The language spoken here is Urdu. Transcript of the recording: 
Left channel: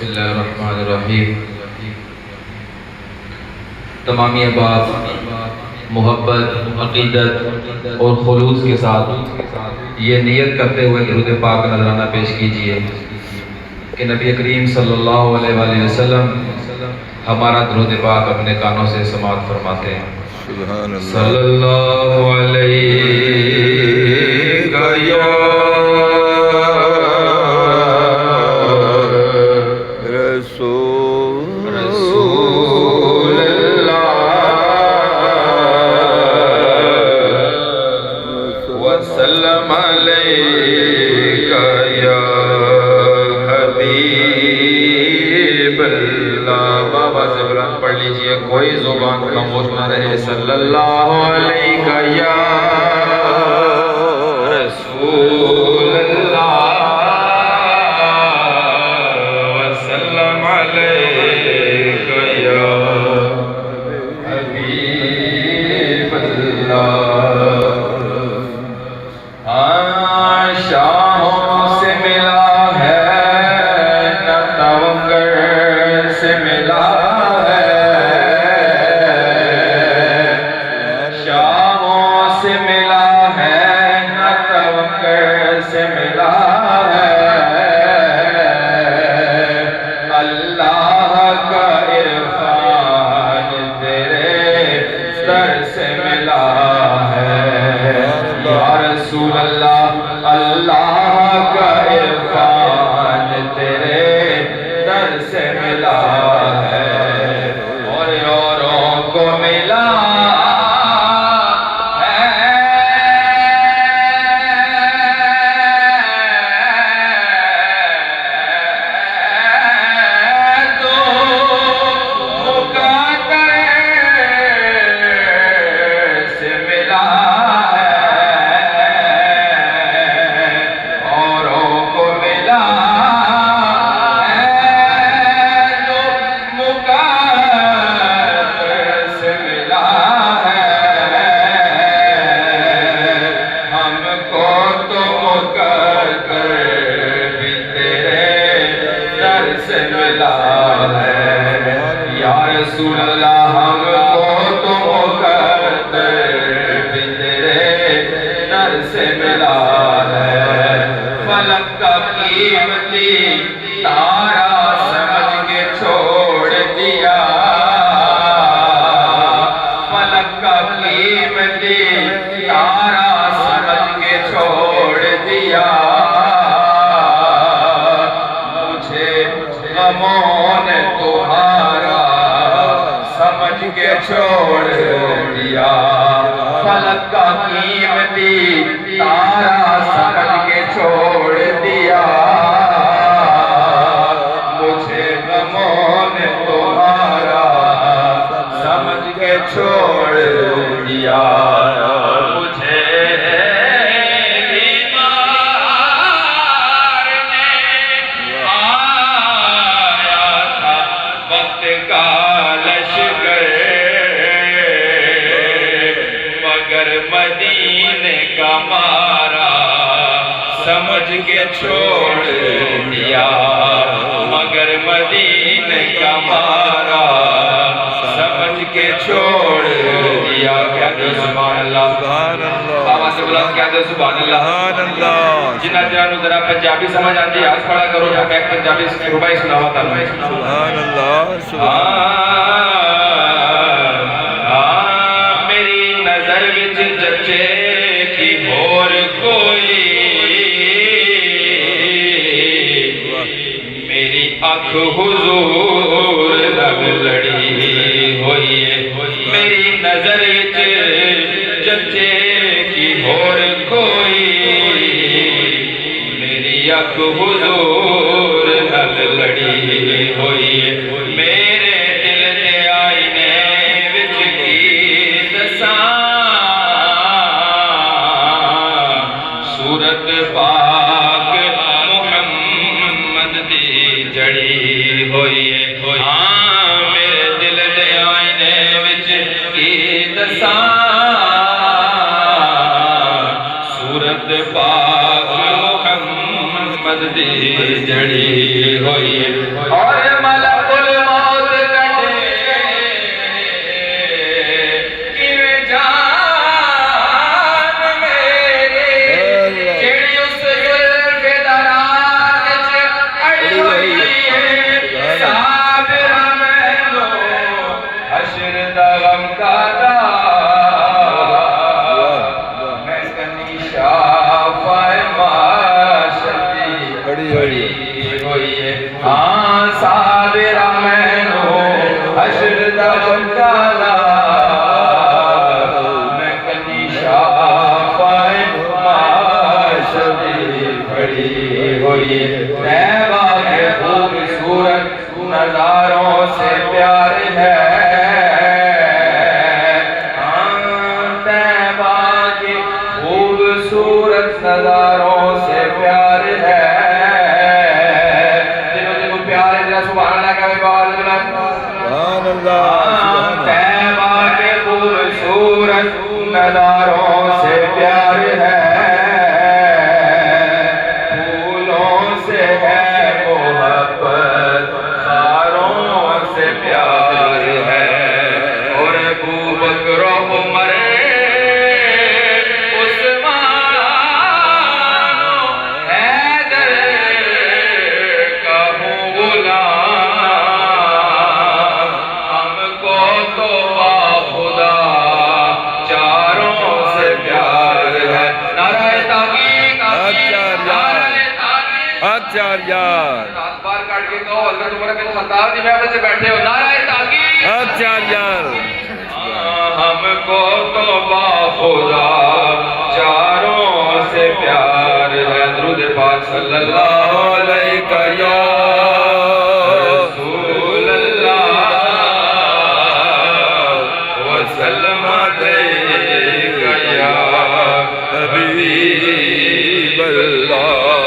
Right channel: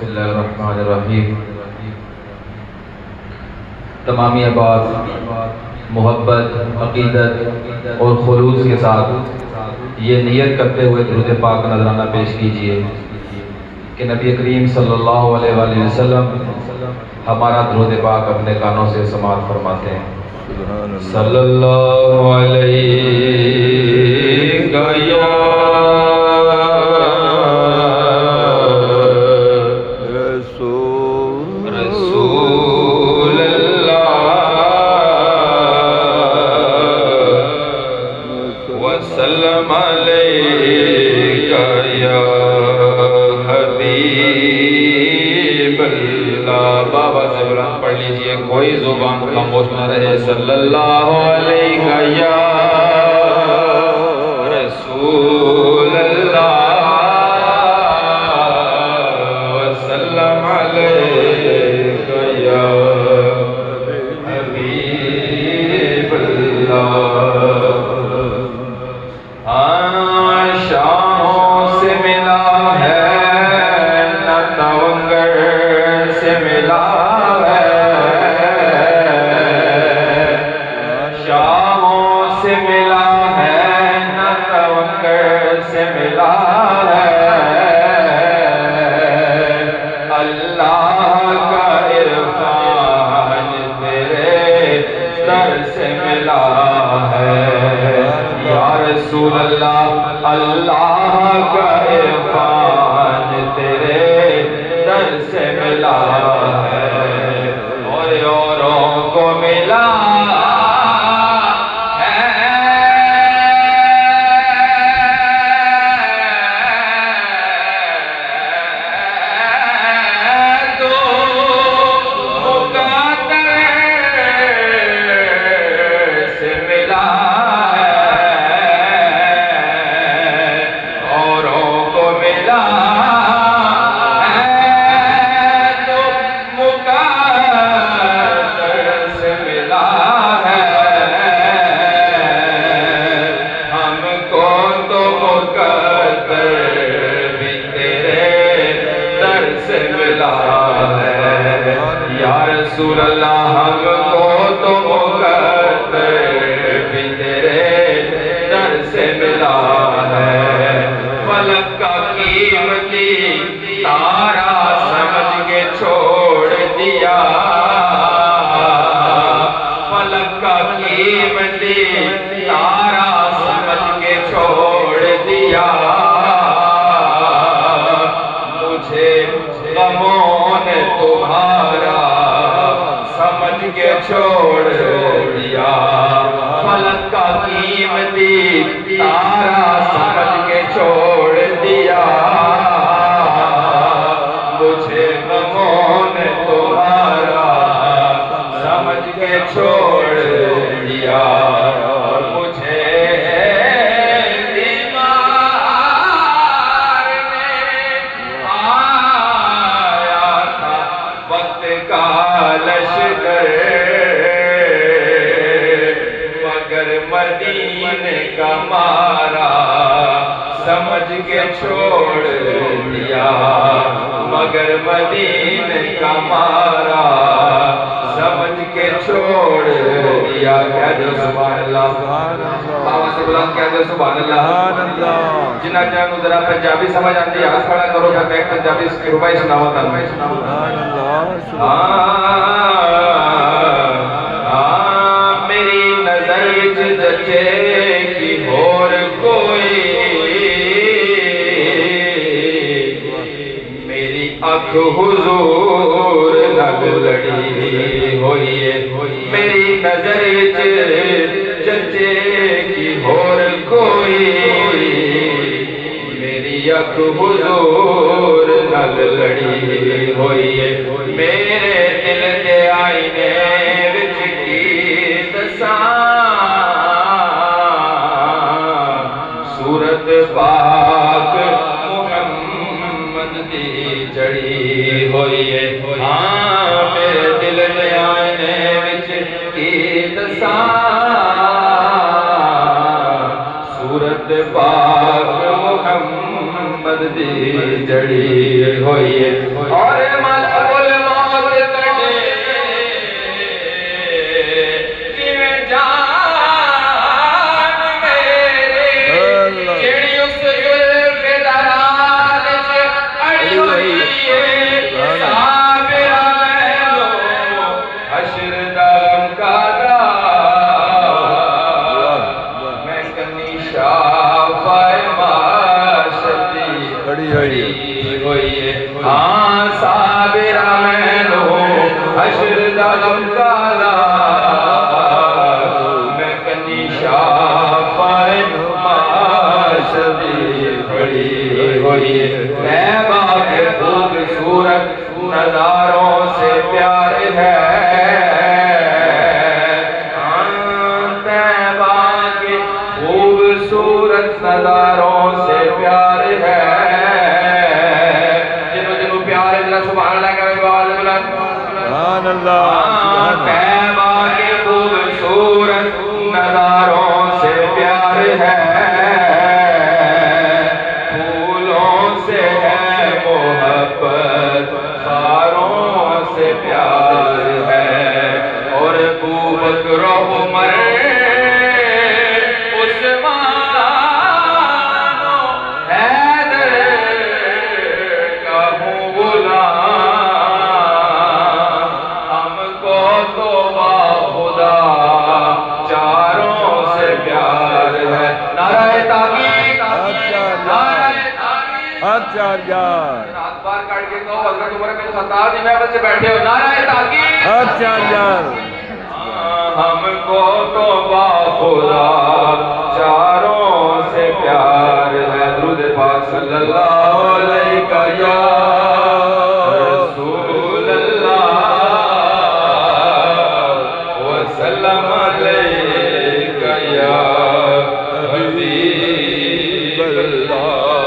بسم اللہ الرحمن الرحیم۔ تمامی بات محبت، عقیدت اور خلوص کے ساتھ یہ نیت کرتے ہوئے درود پاک نذرانہ پیش کیجئے کہ نبی کریم صلی اللہ علیہ وآلہ وسلم ہمارا درود پاک اپنے کانوں سے سماعت فرماتے ہیں۔ سبحان اللہ۔ صلی اللہ علیہ وسلم علیکہ یا حبیب اللہ۔ بابا سے بلند پڑھ لیجئے، کوئی زبان خاموش نہ رہے۔ صلی اللہ علیکہ یا رسول اللہ وسلم علیکہ یا حبیب اللہ۔ اللہ کا عرفان تیرے در سے ملا ہے اور اوروں کو ملا ہے تو مقدر سے ملا یا رسول اللہ، ہم کو تو مقدر بھی تیرے در سے ملا ہے۔ فلک کا قیمتی تارا سمجھ کے چھوڑ دیا، فلک کا قیمتی تارا سمجھ کے چھوڑ دیا، مجھے غموں نے تمہارا سمجھ کے چھوڑ دیا، فلک کا قیمتی تارا سمجھ کے چھوڑ دیا، مجھے غموں نے تمہارا سمجھ کے چھوڑ دیا، مجھے مدینے کا مارا سمجھ کے چھوڑ دیا، مگر مدینے کا مارا سمجھ کے چھوڑ دیا۔ کہہ دو سبحان اللہ، سبحان اللہ، بابا سے بلند کہہ دو سبحان اللہ، سبحان اللہ۔ جنہاں نو ذرا پنجابی سمجھ آتی ہے ہاتھ کھڑا کرو، جب ایک پنجابی اس کی ربائی سناوا تعالی۔ سبحان اللہ، سبحان اللہ۔ جچے کی اور کوئی میری آنکھ حضور لگ لڑی ہوئی ہے، میری نظر جچے کی اور کوئی میری آنکھ حضور لگ لڑی ہوئی ہے، میرے دل دے آئینے وچ کی دساں صورت پاک محمد دی جڑی ہوئی ہے، میرے دل دے آئینے وچ کی دساں صورت پاک محمد دی جڑی ہوئی ہے، اور صابرہ مینو حشر دا غم کالا میں کنی شافائے معاشری کھڑی ہوئی طیبہ کے خوبصورت نظاروں سے پیار ہے طیبہ کی خوبصورت نظاروں سے پیار ہے جنہوں پیار ہے جنہوں سبحان اللہ کا سبحان اللہ طیبہ کے خوبصورت نظاروں سے پیار ہے پھولوں سے ہے محبت خاروں سے پیار ہے اور ابو بکر و عمر عثمان و حیدر کا ہوں غلام ہم کو تو با خدا چاروں سے پیار ہے نعرہ تحقیق آچاریہ ہاتھ بار کاٹ کے کہو حضرت عمر کے خطاب دی بیٹھے سے بیٹھے ہو نعرہ تحقیق آچاریہ ہم کو تو با خدا چاروں سے پیار ہے درود پاک صلی اللہ علیہ رسول اللہ وسلم علیہ یا حبیب اللہ